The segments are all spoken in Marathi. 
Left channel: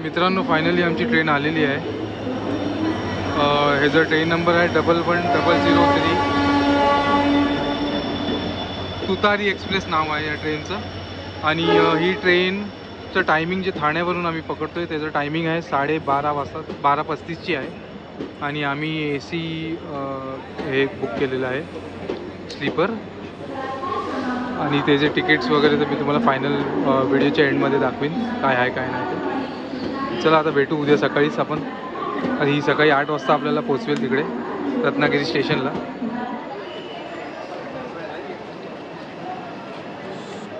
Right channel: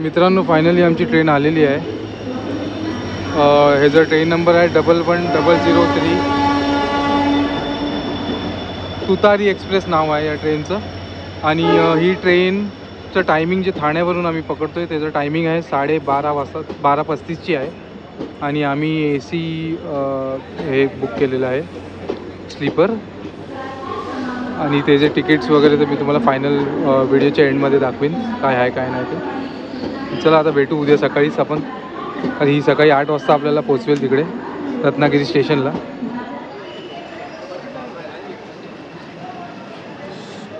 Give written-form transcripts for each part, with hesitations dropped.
मित्रांनो फायनली आमची ट्रेन आलेली आहे। ह्याचा ट्रेन नंबर आहे 11003। तुतारी एक्सप्रेस नाव आहे या ट्रेनचं। आणि ही ट्रेनचं टायमिंग जे ठाण्यावरून आम्ही पकडतोय त्याचं टायमिंग आहे 12:30 वाजता, 12:35ची आहे। आणि आम्ही AC हे बुक केलेलं आहे स्लीपर। आणि त्याचे तिकीट्स वगैरे तर मी तुम्हाला फायनल व्हिडिओच्या एंडमध्ये दाखवीन काय आहे काय नाही ते। चला आता भेटू उद्या सकाळीच आपण। आणि ही सकाळी 8 वाजता आपल्याला पोहोचवेल तिकडे रत्नागिरी स्टेशनला।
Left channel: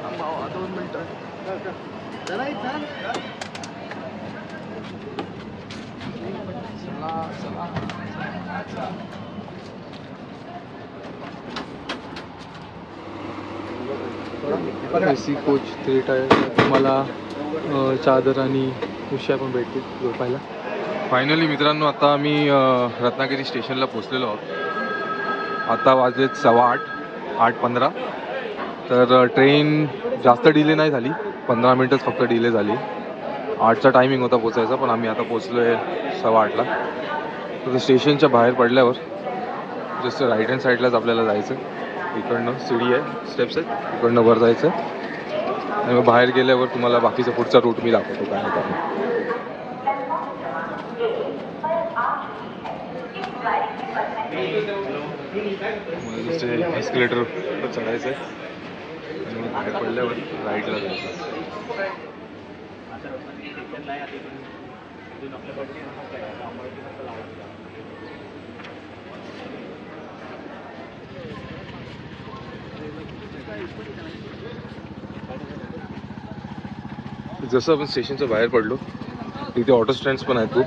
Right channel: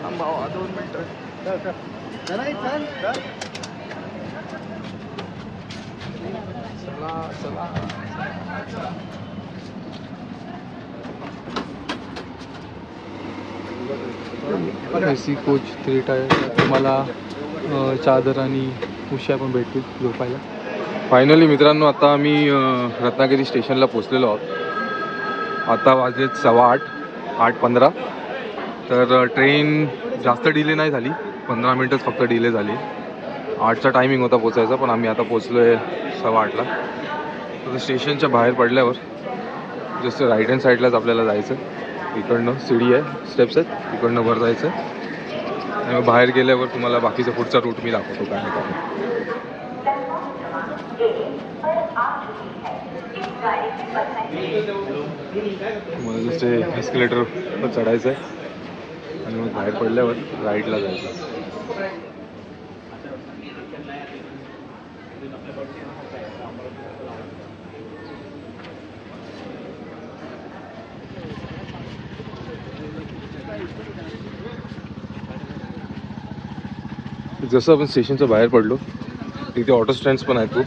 थांबा 2 मिनिटं। चला चला AC कोच 3 टायर। तुम्हाला चादर आणि उश्या पण भेटतील झोपायला। फायनली मित्रांनो आता आम्ही रत्नागिरी स्टेशनला पोहोचलेलो आहोत। आता वाजलेत 8:15, 8:15। तर ट्रेन जास्त डिले नाही झाली, 15 मिनटच फक्त डिले झाली। 8चा टायमिंग होता पोचायचा, पण आम्ही आता पोचलो आहे 8:15ला। तर स्टेशनच्या बाहेर पडल्यावर जसं राईट हँड साईडलाच आपल्याला जायचं। इकडनं सीडी आहे, स्टेप्स आहेत, इकडनं वर जायचं आणि मग बाहेर गेल्यावर तुम्हाला बाकीचा पुढचा रूट मी दाखवतो काय आहे काय। मग जसे एस्केलेटरवर चढायचं आहे आणि मग बाहेर पडल्यावर राईटला जायचं। जसं आपण स्टेशनच्या बाहेर पडलो तिथे ऑटो स्टँड्स पण आहेत खूप,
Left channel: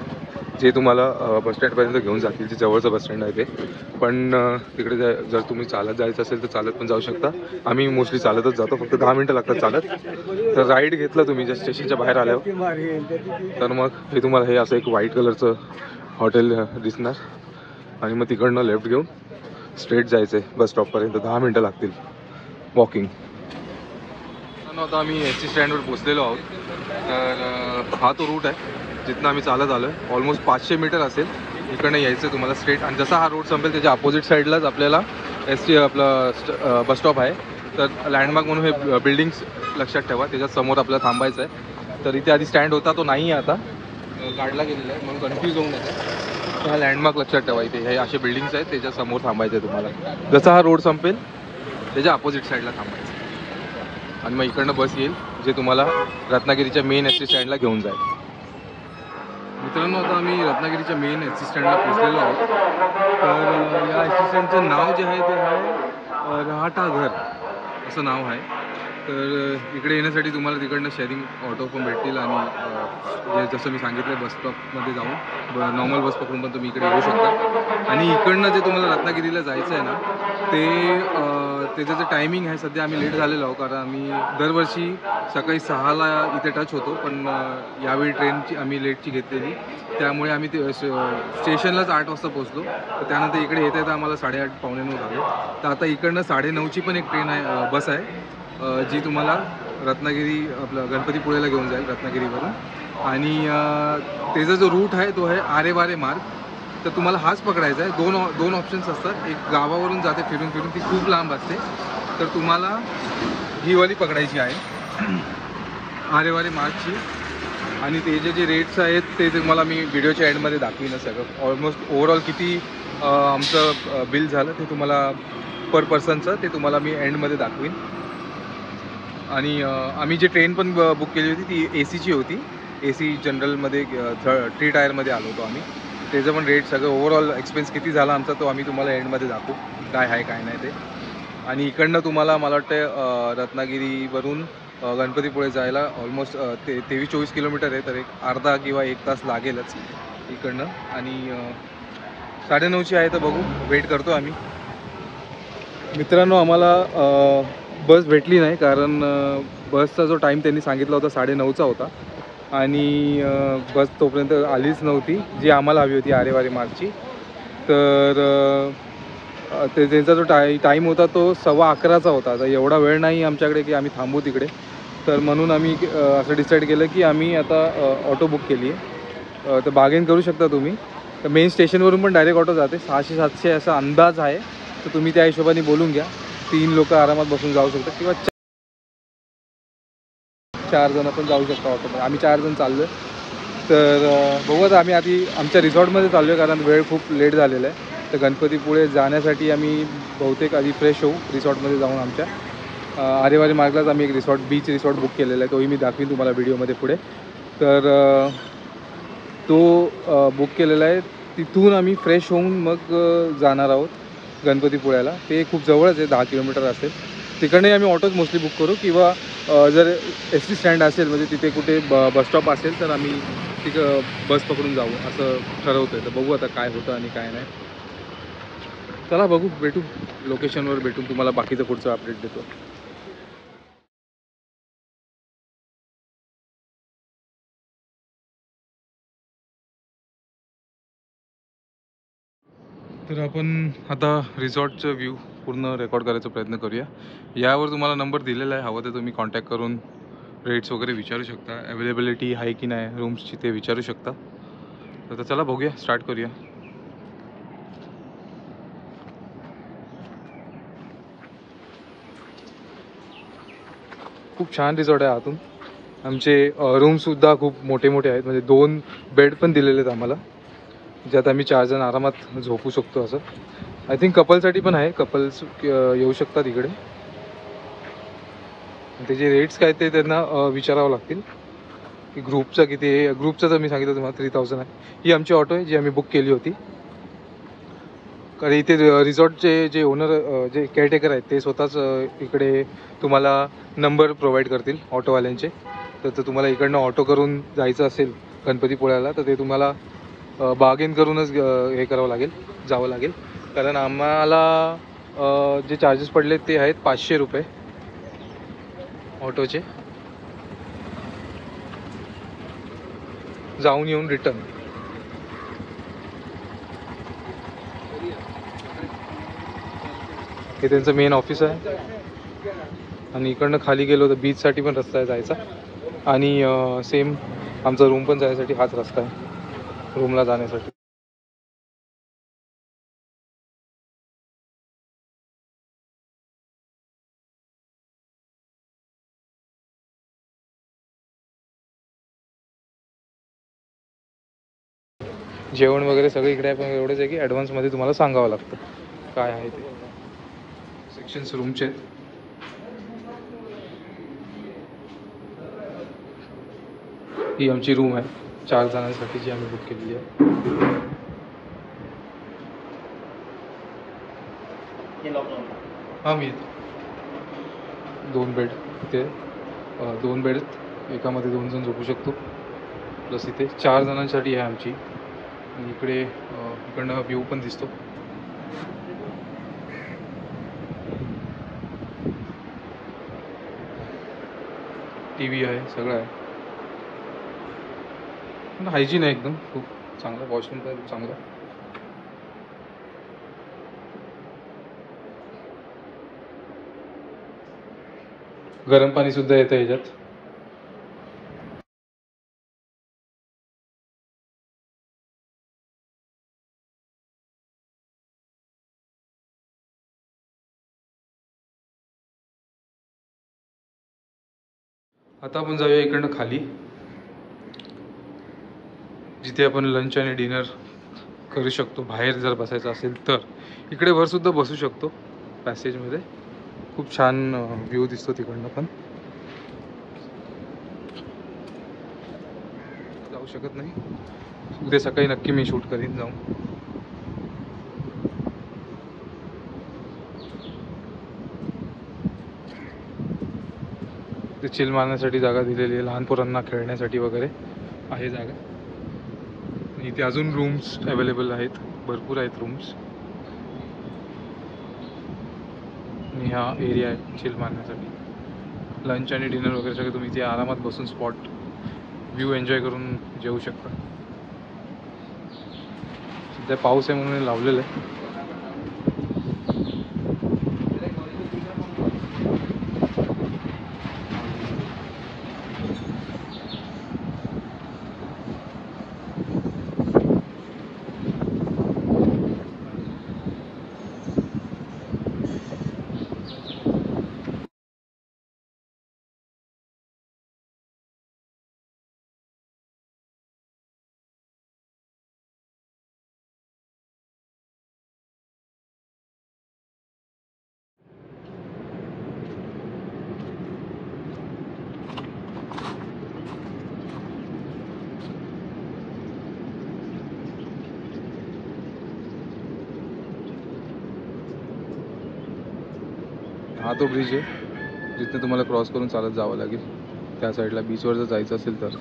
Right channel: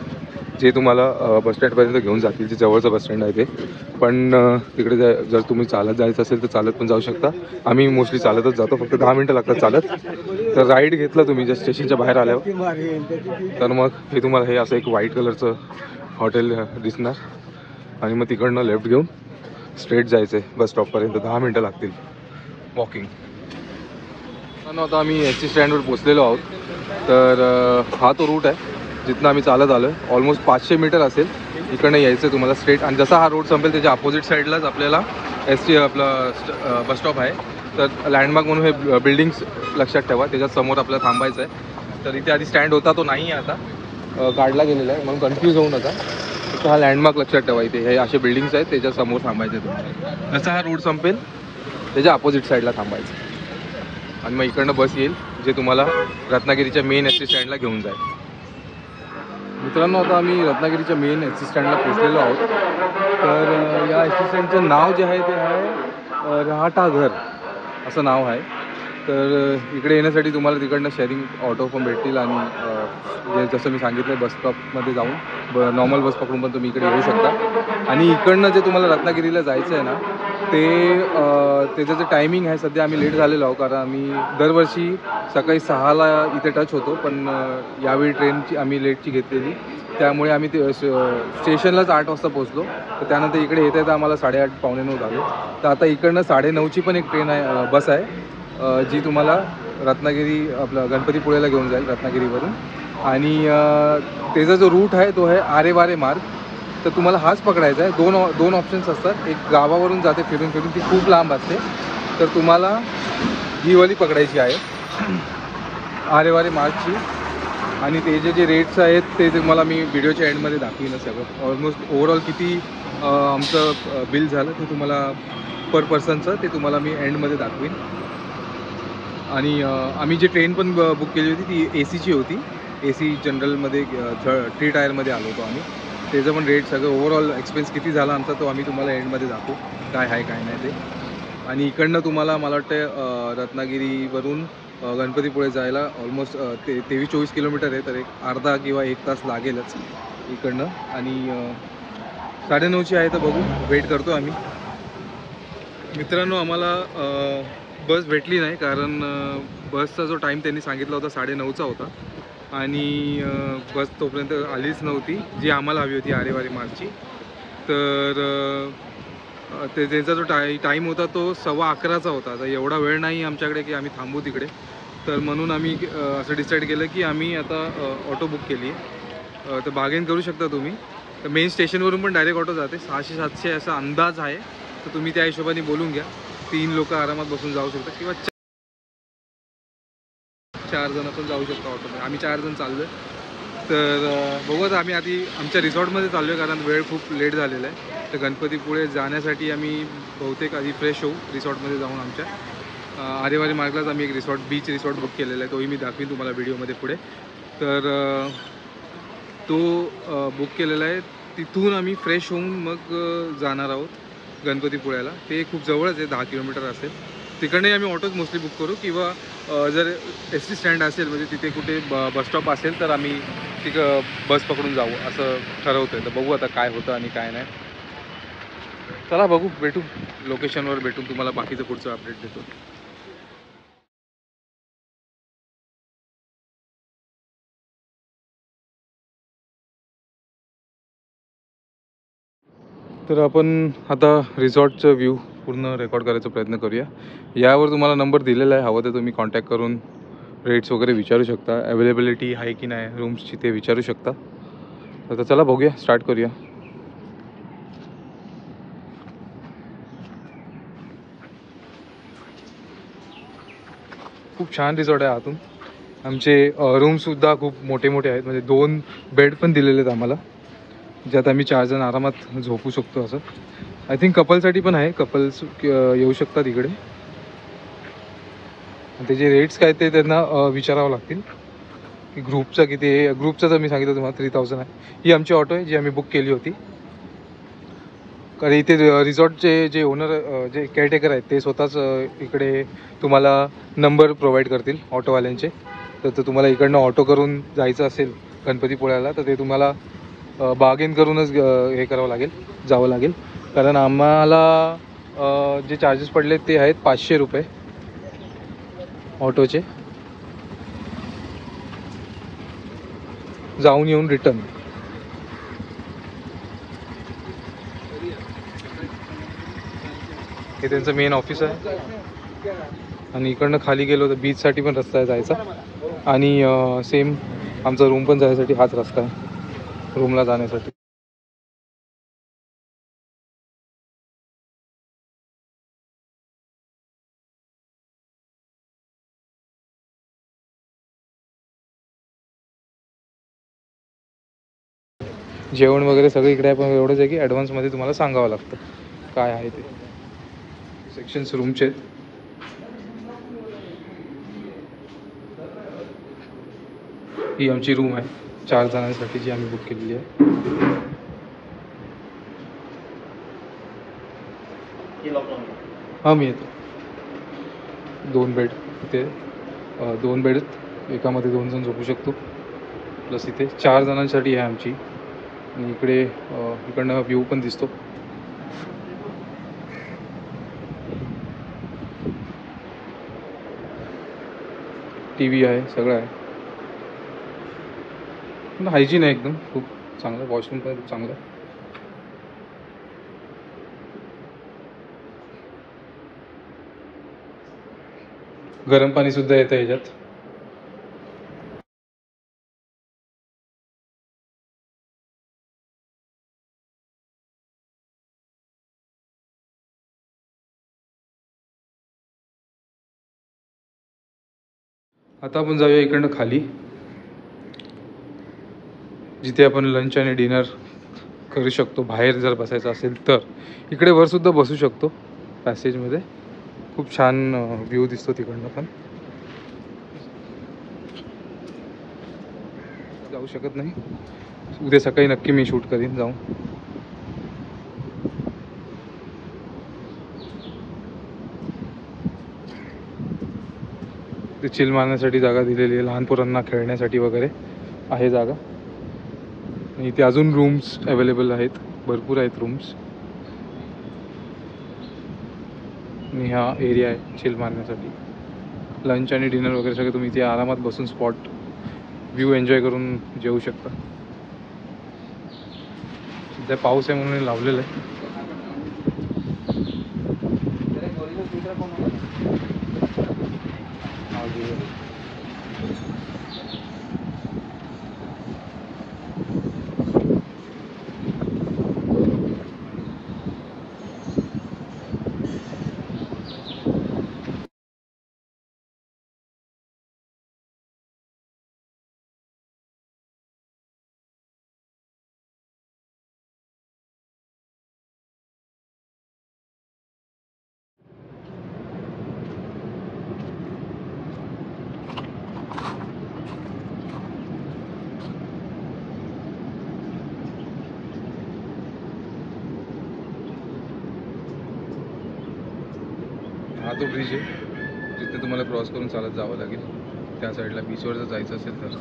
जे तुम्हाला बस स्टँडपर्यंत घेऊन जातील। जे जवळचं बस स्टँड आहे ते पण तिकडे जर तुम्ही चालत जायचं असेल तर चालत पण जाऊ शकता। आम्ही मोस्टली चालतच जातो, फक्त 10 मिनटं लागतात चालत। तर राईड घेतलं तुम्ही जर स्टेशनच्या बाहेर आल्यावर तर मग हे तुम्हाला हे असं एक व्हाईट कलरचं हॉटेल दिसणार आणि मग तिकडनं लेफ्ट घेऊन स्ट्रेट जायचं आहे बस स्टॉपपर्यंत। 10 मिनटं लागतील वॉकिंग। आता आम्ही ST स्टँडवर पोचलेलो आहोत। तर हा तो रूट आहे जिथनं आम्ही चालत आलो आहे। ऑलमोस्ट 500 मीटर असेल इकडनं यायचं तुम्हाला स्ट्रेट। आणि जसा हा रोड संपेल त्याच्या अपोजिट साईडलाच आपल्याला आपला बस स्टॉप आहे। तर लँडमार्क म्हणून हे बिल्डिंग्स लक्षात ठेवा, त्याच्यात समोर आपल्याला थांबायचं आहे। तर इथे आधी स्टँड होता, तो नाही आहे आता, काढला गेलेला आहे, मग कन्फ्यूज होऊ नका। तर हा लँडमार्क लक्षात ठेवा, इथे हे असे बिल्डिंग्स आहेत त्याच्या समोर थांबायचं आहे तुम्हाला। जसा हा रोड संपेल त्याच्या अपोजिट साईडला थांबायचं आणि मग इकडनं बस येईल जे तुम्हाला रत्नागिरीच्या मेन ST स्टँडला घेऊन जाईल। मित्रांनो आता आम्ही रत्नागिरीच्या मेन ST स्टँडला पोहोचलेलो आहोत। तर या ST स्टँडचं नाव जे आहे ते आहे राहाटा घर असं नाव आहे। तर इकडे येण्यासाठी तुम्हाला तिकडनं शेअरिंग ऑटो पण भेटतील आणि जसं मी सांगितलं बस स्टॉपमध्ये जाऊन नॉर्मल बस पकडून पण तुम्ही इकडे येऊ शकता। आणि इकडनं जे तुम्हाला रत्नागिरीला जायचं आहे ना त्याचं जे टायमिंग आहे, सध्या आम्ही लेट झालेलो आहोत कारण आम्ही दरवर्षी सकाळी 6ला इथे टच होतो, पण यावेळी ट्रेनची आम्ही लेटची घेतलेली, त्यामुळे आम्ही स्टेशनलाच 8 वाजता पोहोचलो। तर त्यानंतर इकडे येता येता आम्हाला 8:30 पावणे 9 झाले। तर आता इकडनं 9:30ची पण एक ट्रेन आहे, बस आहे जी तुम्हाला रत्नागिरी आपलं गणपतीपुळेला घेऊन जाईल रत्नागिरीवरून। आणि त्याचा जो रूट आहे तो आहे आरेवारे मार्ग। तर तुम्हाला हाच पकडायचा आहे। दोन ऑप्शन्स असतात, एक गावावरून जाते फिरून फिरून, ती खूप लांब असते, तर तुम्हाला ही वाली पकडायची आहे आरेवारे मार्गची। आणि त्याचे जे रेट्स आहेत ते तुम्हाला मी व्हिडिओच्या एंडमध्ये दाखवीन सगळं। ऑलमोस्ट ओव्हरऑल किती आमचं बिल झालं ते तुम्हाला पर पर्सनचं ते तुम्हाला मी एंडमध्ये दाखवीन। आणि आम्ही जी ट्रेन पण बुक केली होती ती ACची होती, AC जनरलमध्ये 3 टायरमध्ये आलो होतो आम्ही। त्याचं पण रेट सगळं ओव्हरऑल एक्सपेन्स किती झाला आमचा तो आम्ही तुम्हाला एंडमध्ये दाखवू काय आहे काय नाही ते। आणि इकडनं तुम्हाला मला वाटतं रत्नागिरीवरून गणपतीपुळे जायला ऑलमोस्ट 23-24 किलोमीटर आहे, तर एक अर्धा किंवा 1 तास लागेलच इकडनं। आणि 9:30ची आहे तर बघू, वेट करतो आम्ही। मित्रांनो आम्हाला बस भेटली नाही कारण बसचा जो टाईम त्यांनी सांगितला होता 9:30चा होता आणि बस तोपर्यंत आलीच नव्हती जी आम्हाला हवी होती आरेवारे मार्गची। तर त्यांचा जो टाईम होता तो 11:15चा होता। तर एवढा वेळ नाही आमच्याकडे की आम्ही थांबू तिकडे, तर म्हणून आम्ही असं डिसाईड केलं की आम्ही आता ऑटो बुक केली आहे. तर बार्गेन करू शकता तुम्ही. तर मेन स्टेशनवरून पण डायरेक्ट ऑटो जाते, 600-700 असा अंदाज आहे. तर तुम्ही त्या हिशोबाने बोलून घ्या. 3 लोक आरामात बसून जाऊ शकता किंवा 4 जण पण जाऊ शकता ऑटोमध्ये. आम्ही 4 जण चाललो आहे. तर बघू आता आम्ही आधी आमच्या रिसॉर्टमध्ये चाललो आहे कारण वेळ खूप लेट झालेला आहे. तर गणपतीपुळे जाण्यासाठी आम्ही बहुतेक आधी फ्रेश होऊ रिसॉर्टमध्ये जाऊन. आमच्या आरेवारी मार्गलाच आम्ही एक बीच रिसॉर्ट बुक केलेला आहे. तोही मी दाखवीन तुम्हाला व्हिडिओमध्ये पुढे. तर तो बुक केलेला आहे. तिथून आम्ही फ्रेश होऊन मग जाणार आहोत गणपतीपुळ्याला. ते खूप जवळच आहे, 10 किलोमीटर असेल. तिकडनंही आम्ही ऑटोच मोस्टली बुक करू किंवा जर एस टी स्टँड असेल म्हणजे तिथे कुठे बसस्टॉप असेल तर आम्ही तिथं बस पकडून जाऊ असं ठरवतो आहे. तर बघू आता काय होतं आणि काय नाही. चला बघू, भेटू लोकेशनवर, भेटून तुम्हाला बाकीचं पुढचं अपडेट देतो. तर आपण आता रिसॉर्टचं व्ह्यू पूर्ण रेकॉर्ड करायचा प्रयत्न करूया. यावर तुम्हाला नंबर दिलेला आहे, हवं तर तुम्ही कॉन्टॅक्ट करून रेट्स वगैरे विचारू शकता. अवेलेबिलिटी आहे की नाही रूम्सची ते विचारू शकता. तर चला बघूया, स्टार्ट करूया. खूप छान रिसॉर्ट आहे आतून. आमचे रूमसुद्धा खूप मोठे मोठे आहेत, म्हणजे 2 बेड पण दिलेले आहेत आम्हाला, ज्यात आम्ही 4 जण आरामात झोपू शकतो. असं आय थिंक कपलसाठी पण आहे, कपल्स येऊ शकतात इकडे. त्याचे रेट्स काय ते त्यांना विचारावं लागतील की ग्रुपचा किती आहे. ग्रुपचं तर मी सांगितलं तुम्हाला 3000 आहे. ही आमची ऑटो आहे जी आम्ही बुक केली होती. कारण इथे रिसॉर्टचे जे ओनर जे केअरटेकर आहेत ते स्वतःच इकडे तुम्हाला नंबर प्रोव्हाइड करतील ऑटोवाल्यांचे. तर तुम्हाला इकडनं ऑटो करून जायचं असेल गणपतीपुळ्याला तर ते तुम्हाला बार्गेन करूनच हे करावं लागेल, जावं लागेल. कारण आम्हाला जे चार्जेस पडले ते आहेत 500 रुपये ऑटोचे, जाऊन येऊन रिटर्न. हे त्यांचं मेन ऑफिस आहे. आणि इकडनं खाली गेलो तर बीचसाठी पण रस्ता आहे जायचा. आणि सेम आमचा रूम पण जाण्यासाठी हाच रस्ता आहे, रूमला जाण्यासाठी. जेवण वगैरे सगळं इकडे आहे, पण एवढंच आहे की ॲडव्हान्समध्ये तुम्हाला सांगावं लागतं काय आहे ते. सेक्शन्स रूमचे आहेत. ही आमची रूम आहे 4 जणांसाठी जी आम्ही बुक केलेली आहे. हां मी येतो. 2 बेड इथे, 2 बेड, एकामध्ये 2 जण झोपू शकतो. प्लस इथे 4 जणांसाठी आहे आमची. आणि इकडे इकडनं व्ह्यू पण दिसतो. टी व्ही आहे, सगळं आहे. पण हायजीन आहे एकदम, खूप चांगलं. वॉशरूम पण खूप चांगलं आहे. गरम पाणीसुद्धा येतं ह्याच्यात. आता आपण जाऊया इकडनं खाली, जिथे आपण लंच आणि डिनर करू शकतो. बाहेर जर बसायचं असेल तर इकडे वरसुद्धा बसू शकतो पॅसेजमध्ये. खूप छान व्ह्यू दिसतो तिकडनं पण. जाऊ शकत नाही, उद्या सकाळी नक्की मी शूट करीन जाऊन. ते चिल मारण्यासाठी जागा दिलेली आहे, लहान पोरांना खेळण्यासाठी वगैरे आहे जागा. इथे अजून रूम्स अवेलेबल आहेत, भरपूर आहेत रूम्स. आणि हा एरिया आहे चिल मारण्यासाठी. लंच आणि डिनर वगैरे सगळं तुम्ही इथे आरामात बसून स्पॉट व्ह्यू एन्जॉय करून जेवू शकता. सध्या पाऊस आहे म्हणून लावलेलं आहे. हा तो ब्रिज आहे जिथे तुम्हाला क्रॉस करून चालत जावं लागेल त्या साईडला, बीचवर जर जायचं असेल तर.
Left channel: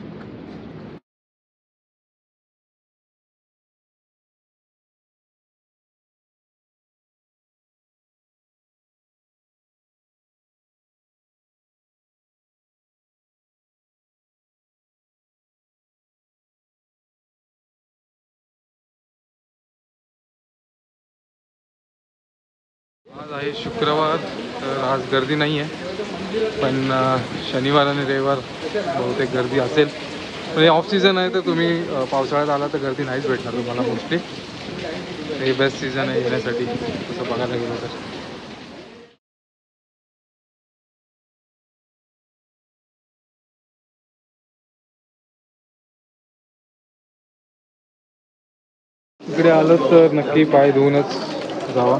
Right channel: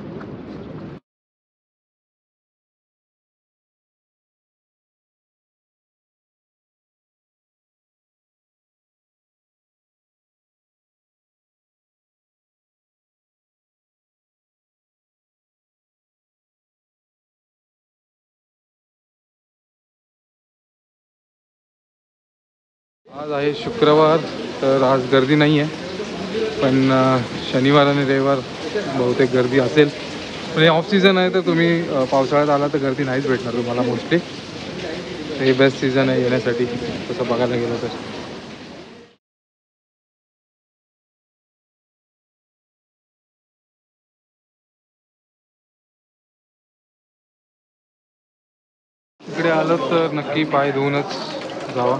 आज आहे शुक्रवार, तर आज गर्दी नाही आहे, पण शनिवार आणि रविवार बहुतेक गर्दी असेल. म्हणजे ऑफ सीझन आहे तर तुम्ही पावसाळ्यात आला तर गर्दी नाहीच भेटणार तुम्हाला मोस्टली. हे बेस्ट सीझन आहे येण्यासाठी तसं बघायला गेलं तर. इकडे आलं तर नक्की पाय धुवूनच जावा.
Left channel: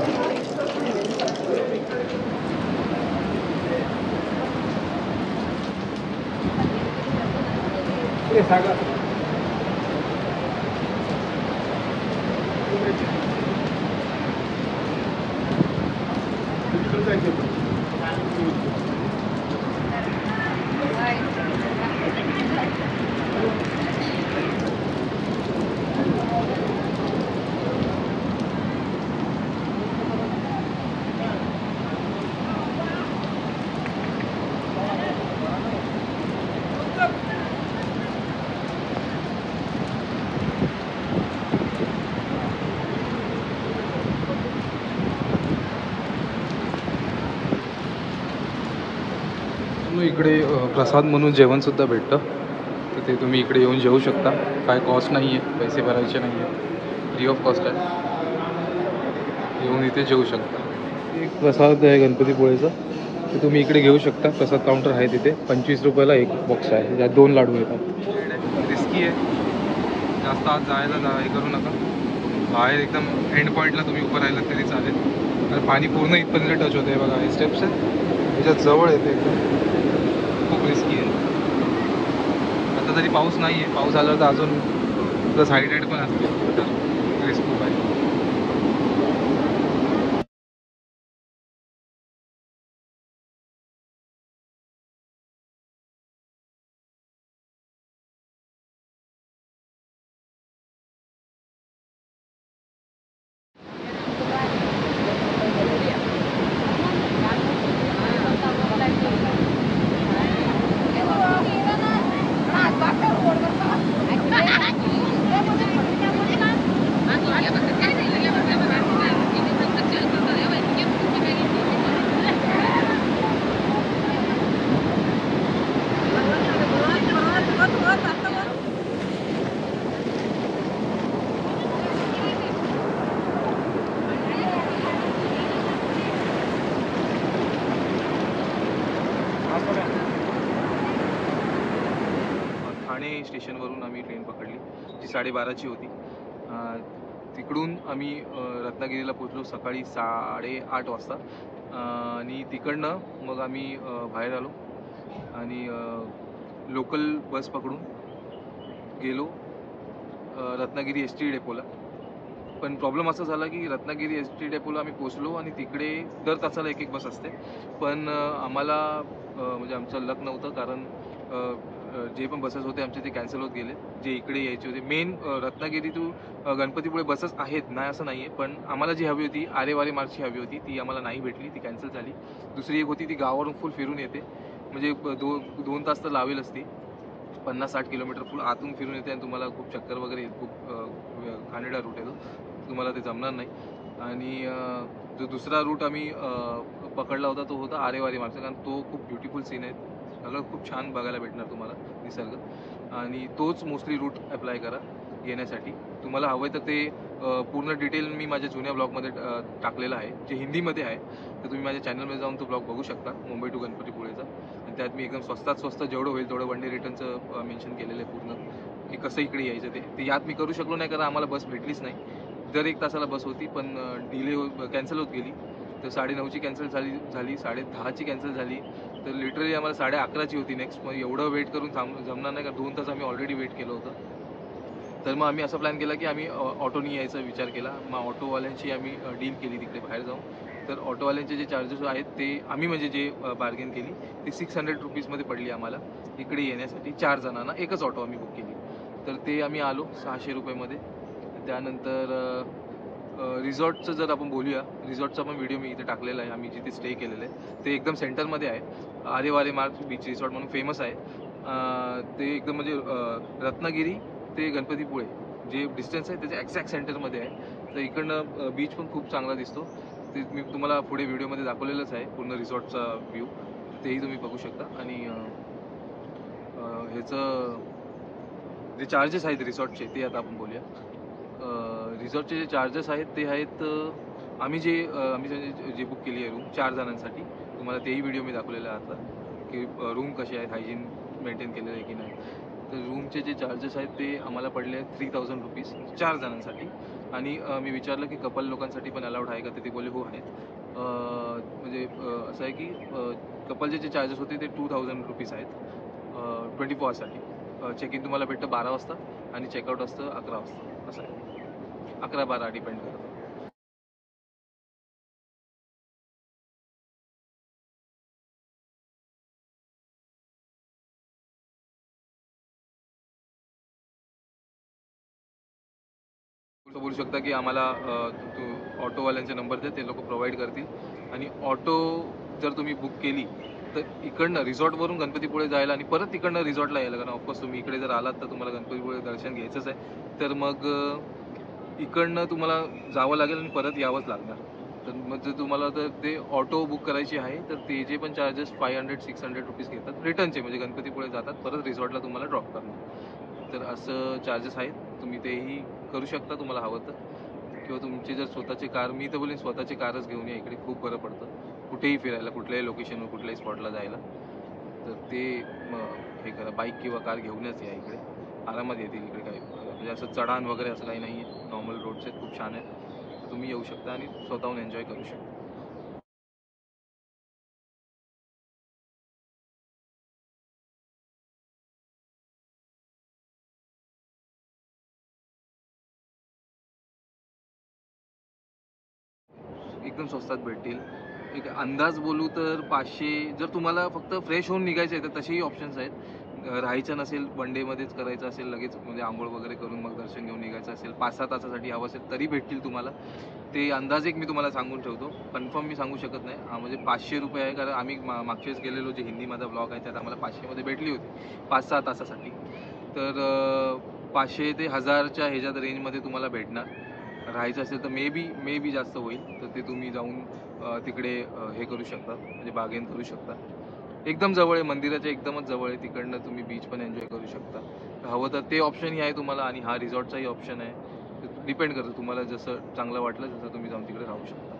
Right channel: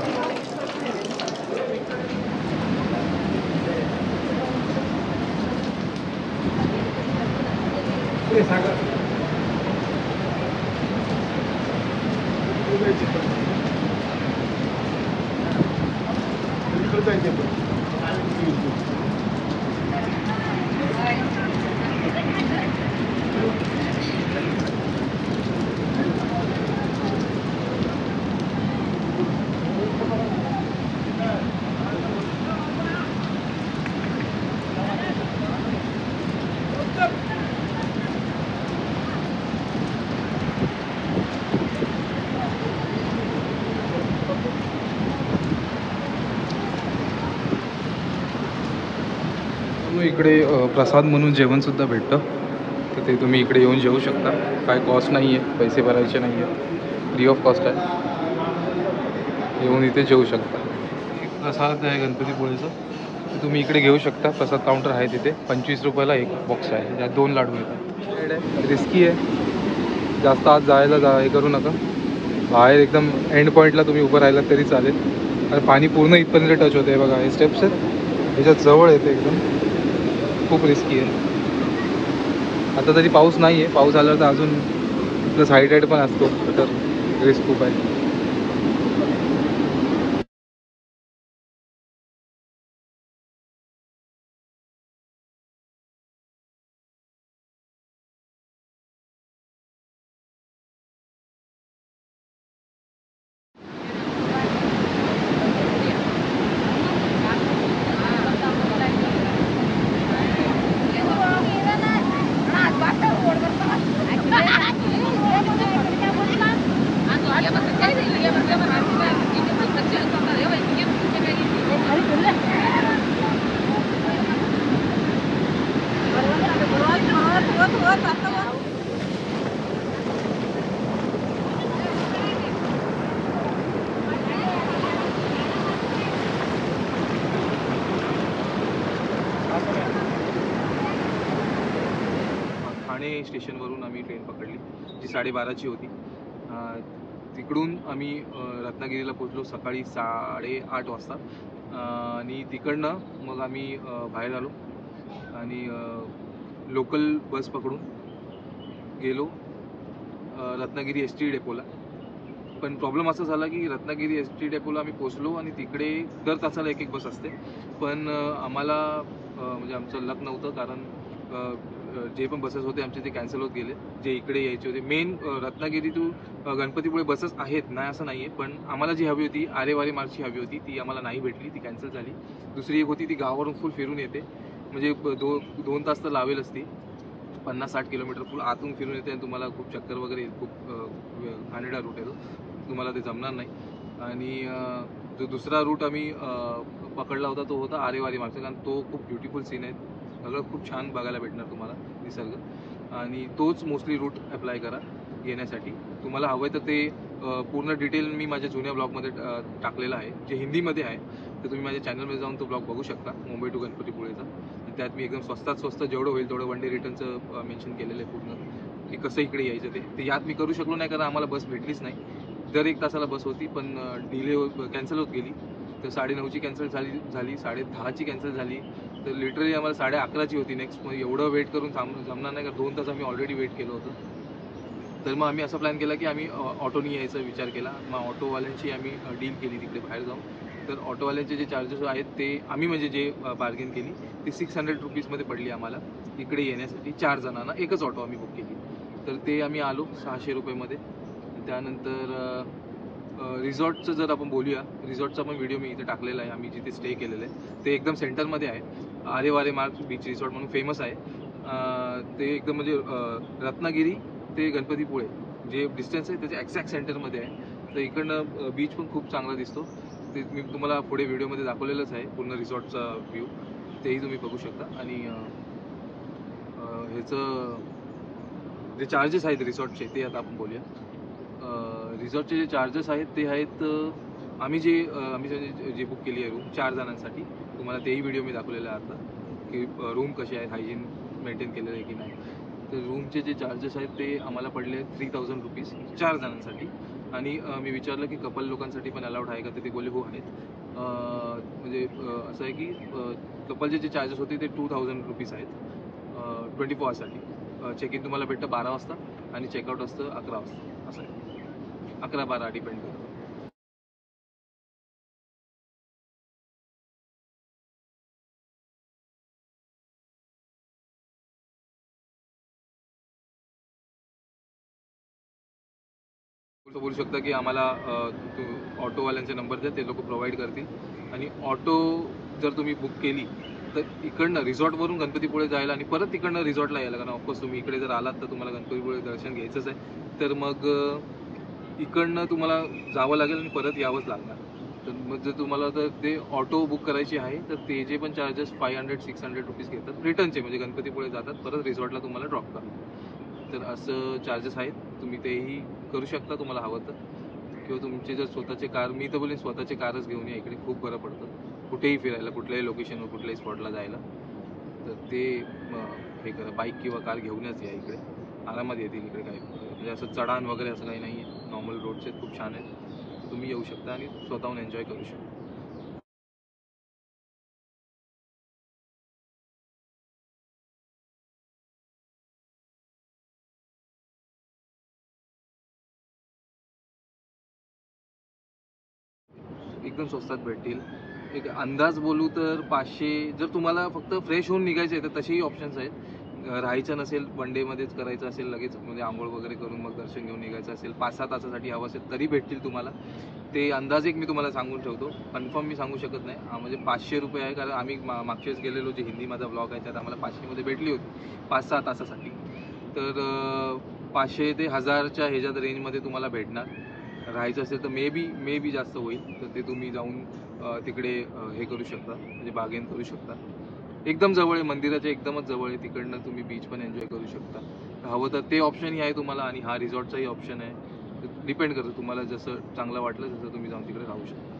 इकडे प्रसाद म्हणून जेवणसुद्धा भेटतं, तर ते तुम्ही इकडे येऊन जेवू शकता. काय कॉस्ट नाही आहे, पैसे भरायचे नाही आहेत, फ्री ऑफ कॉस्ट आहे. येऊन इथे जेवू शकता. एक प्रसाद आहे गणपतीपुळेचा, तर तुम्ही इकडे घेऊ शकता. प्रसाद काउंटर आहे तिथे. 25 रुपयाला एक बॉक्स आहे, ज्यात 2 लाडू येतात. रिस्की आहे, जास्त आत जायला हे करू नका. बाहेर एकदम एंड पॉईंटला तुम्ही उभं राहिलात तरी चालेल, आणि पाणी पूर्ण इथपर्यंत टच होते. बघा हे स्टेप्स आहेत, ह्याच्यात जवळ येते एकदम. खूप रिस्की आहे. आता तरी पाऊस नाही आहे, पाऊस आला तर अजून प्लस हायटाईड पण असतो, तर रिस्क खूप आहे. ठाणे स्टेशनवरून आम्ही ट्रेन पकडली, जी 12:30ची होती. तिकडून आम्ही रत्नागिरीला पोचलो सकाळी 8:30 वाजता. आणि तिकडनं मग आम्ही बाहेर आलो आणि लोकल बस पकडून गेलो रत्नागिरी एस टी डेपोला. पण प्रॉब्लेम असा झाला की रत्नागिरी एस टी डेपोला आम्ही पोचलो आणि तिकडे दर तासाला एक बस असते, पण आम्हाला म्हणजे आमचं लक नव्हतं, कारण जे पण बसेस होते आमचे ते कॅन्सल होत गेले, जे इकडे यायचे होते. Main Ratnagiri to Ganpatipule buses आहेत, नाही असं नाही आहे, पण आम्हाला जी हवी होती आरेवारी मार्गची हवी होती ती आम्हाला नाही भेटली, ती कॅन्सल झाली. दुसरी एक होती ती गावावरून फुल फिरून येते, म्हणजे 2 तास तर लावेलच ती. 50-60 किलोमीटर फुल आतून फिरून येते आणि तुम्हाला खूप चक्कर वगैरे येईल. खूप घाणेरडा रूट आहे तो, तुम्हाला ते जमणार नाही. आणि जो दुसरा रूट आम्ही पकडला होता तो होता आरेवारी मार्गचा, कारण तो खूप ब्युटिफुल सीन आहे, सगळं खूप छान बघायला भेटणार तुम्हाला निसर्ग, आणि तोच मोस्टली रूट अप्लाय करा येण्यासाठी. तुम्हाला हवं आहे तर ते पूर्ण डिटेल मी माझ्या जुन्या ब्लॉगमध्ये टाकलेलं आहे, जे हिंदीमध्ये आहे, तर तुम्ही माझ्या चॅनलमध्ये जाऊन तो ब्लॉग बघू शकता, मुंबई टू गणपतीपुळेचा. आणि त्यात मी एकदम स्वस्तात स्वस्त जेवढं होईल तेवढं वन डे रिटर्नचं मेन्शन केलेलं आहे पूर्ण, की कसं इकडे यायचं ते यात मी करू शकलो नाही, कारण आम्हाला बस भेटलीच नाही. दर 1 तासाला बस होती, पण कॅन्सल होत गेली. तर 9:30ची कॅन्सल झाली, 10:30ची कॅन्सल झाली, तर लिटरली आम्हाला 11:30ची होती नेक्स्ट. मग एवढं वेट करून जमणार नाही, का 2 तास आम्ही ऑलरेडी वेट केलं होतं. तर मग आम्ही असा प्लॅन केला की आम्ही ऑटोनी यायचा विचार केला. मग ऑटोवाल्यांशी आम्ही डील केली तिकडे बाहेर जाऊन, तर ऑटोवाल्यांचे जे चार्जेस आहेत ते आम्ही म्हणजे जे बार्गेन केली ती 600 रुपीजमध्ये पडली आम्हाला इकडे येण्यासाठी 4 जणांना. एकच ऑटो आम्ही बुक केली. तर ते आम्ही आलो 600 रुपयेमध्ये. त्यानंतर रिसॉर्टचं जर आपण बोलूया, रिसॉर्टचा पण व्हिडिओ मी इथे टाकलेला आहे. आम्ही जिथे स्टे केलेलं आहे ते एकदम सेंटरमध्ये आहे. आरेवारे मार्ग बीच रिसॉर्ट म्हणून फेमस आहे. ते एकदम म्हणजे रत्नागिरी ते गणपतीपुळे जे डिस्टन्स आहे त्याच्या एक्झॅक्ट सेंटरमध्ये आहे. तर इकडनं बीच पण खूप चांगला दिसतो. ते मी तुम्हाला पुढे व्हिडिओमध्ये दाखवलेलंच आहे पूर्ण रिसॉर्टचा व्ह्यू, तेही तुम्ही बघू शकता. आणि ह्याचं जे चार्जेस आहेत रिसॉर्टचे ते आता आपण बोलूया. रिसॉर्टचे जे चार्जेस आहेत ते आहेत आम्ही जे बुक केली आहे रूम 4 जणांसाठी, तुम्हाला तेही व्हिडिओ मी दाखवलेला आहे आता की रूम कसे आहेत, हायजीन मेंटेन केलेलं आहे की नाही. तर रूमचे जे चार्जेस आहेत ते आम्हाला पडले 3000 रुपीज 4 जणांसाठी. आणि मी विचारलं की कपल लोकांसाठी पण अलाउड आहे का, तर ते बोलले हो आहेत. म्हणजे असं आहे की कपलचे जे चार्जेस होते ते 2000 रुपीज आहेत 24 आवर्ससाठी. चेक इन तुम्हाला भेटतं 12 वाजता आणि चेकआउट असतं 11 वाजता. असं आहे, 11-12 डिपेंड करतं. बोलू शकता की आम्हाला तू ऑटोवाल्यांचे नंबर द्या, ते लोक प्रोव्हाइड करतील. आणि ऑटो जर तुम्ही बुक केली तर इकडनं रिसॉर्टवरून गणपतीपुळे जायला आणि परत तिकडनं रिसॉर्टला यायला, कारण ऑफकोर्स तुम्ही इकडे जर आलात तर तुम्हाला गणपतीपुळे दर्शन घ्यायचंच आहे. तर मग इकडनं तुम्हाला जावं लागेल आणि परत यावंच लागणार. तर मग जर तुम्हाला तर ते ऑटो बुक करायची आहे तर ते जे पण चार्जेस 500-600 रुपीज घेतात रिटर्नचे, म्हणजे गणपतीपुळे जातात परत रिसॉर्टला तुम्हाला ड्रॉप करणार. तर असं चार्जेस आहेत. तुम्ही तेही करू शकता तुम्हाला हवं तर. किंवा तुमचे जर स्वतःचे कार, मी तर बोलेन स्वतःचे कारच घेऊन या, इकडे खूप बरं पडतं कुठेही फिरायला, कुठल्याही लोकेशनवर कुठल्याही स्पॉटला जायला. तर ते हे करा, बाईक किंवा कार घेऊनच या इकडे, आरामात येतील इकडे. काही म्हणजे असं चढाण वगैरे असं काही नाही आहे, नॉर्मल रोड्स आहेत, खूप छान आहेत. तर तुम्ही येऊ शकता आणि स्वतःहून एन्जॉय करू शकता. एकदम स्वस्तात भेटतील. एक अंदाज बोलू तर 500, जर तुम्हाला फक्त फ्रेश होऊन निघायचं आहे तर तसेही ऑप्शन्स आहेत. राहायचं नसेल, वन डेमध्येच करायचं असेल, लगेच म्हणजे आंघोळ वगैरे करून मग दर्शन घेऊन निघायचं असेल, 5-6 तासासाठी हवं असेल तरी भेटतील तुम्हाला. ते अंदाज एक मी तुम्हाला सांगून ठेवतो, कन्फर्म मी सांगू शकत नाही. म्हणजे 500 रुपये आहे, कारण आम्ही मागच्या वेळेस गेलेलो, जे हिंदी माझा ब्लॉग आहे त्यात आम्हाला 500 मध्ये भेटली होती 5-6 तासासाठी. तर 500 ते 1000च्या ह्याच्यात रेंजमध्ये तुम्हाला भेटणार. राहायचं असेल तर मे बी जास्त होईल, तर ते तुम्ही जाऊन तिकडे हे करू शकता, म्हणजे बार्गेन करू शकता. एकदम जवळ आहे, मंदिराच्या एकदमच जवळ आहे, तिकडनं तुम्ही बीच पण एन्जॉय करू शकता. हवं तर ते ऑप्शनही आहे तुम्हाला, आणि हा रिसॉर्टचाही ऑप्शन आहे. डिपेंड करतं तुम्हाला, जसं चांगलं वाटलं तसं तुम्ही जाऊन तिकडे राहू शकता.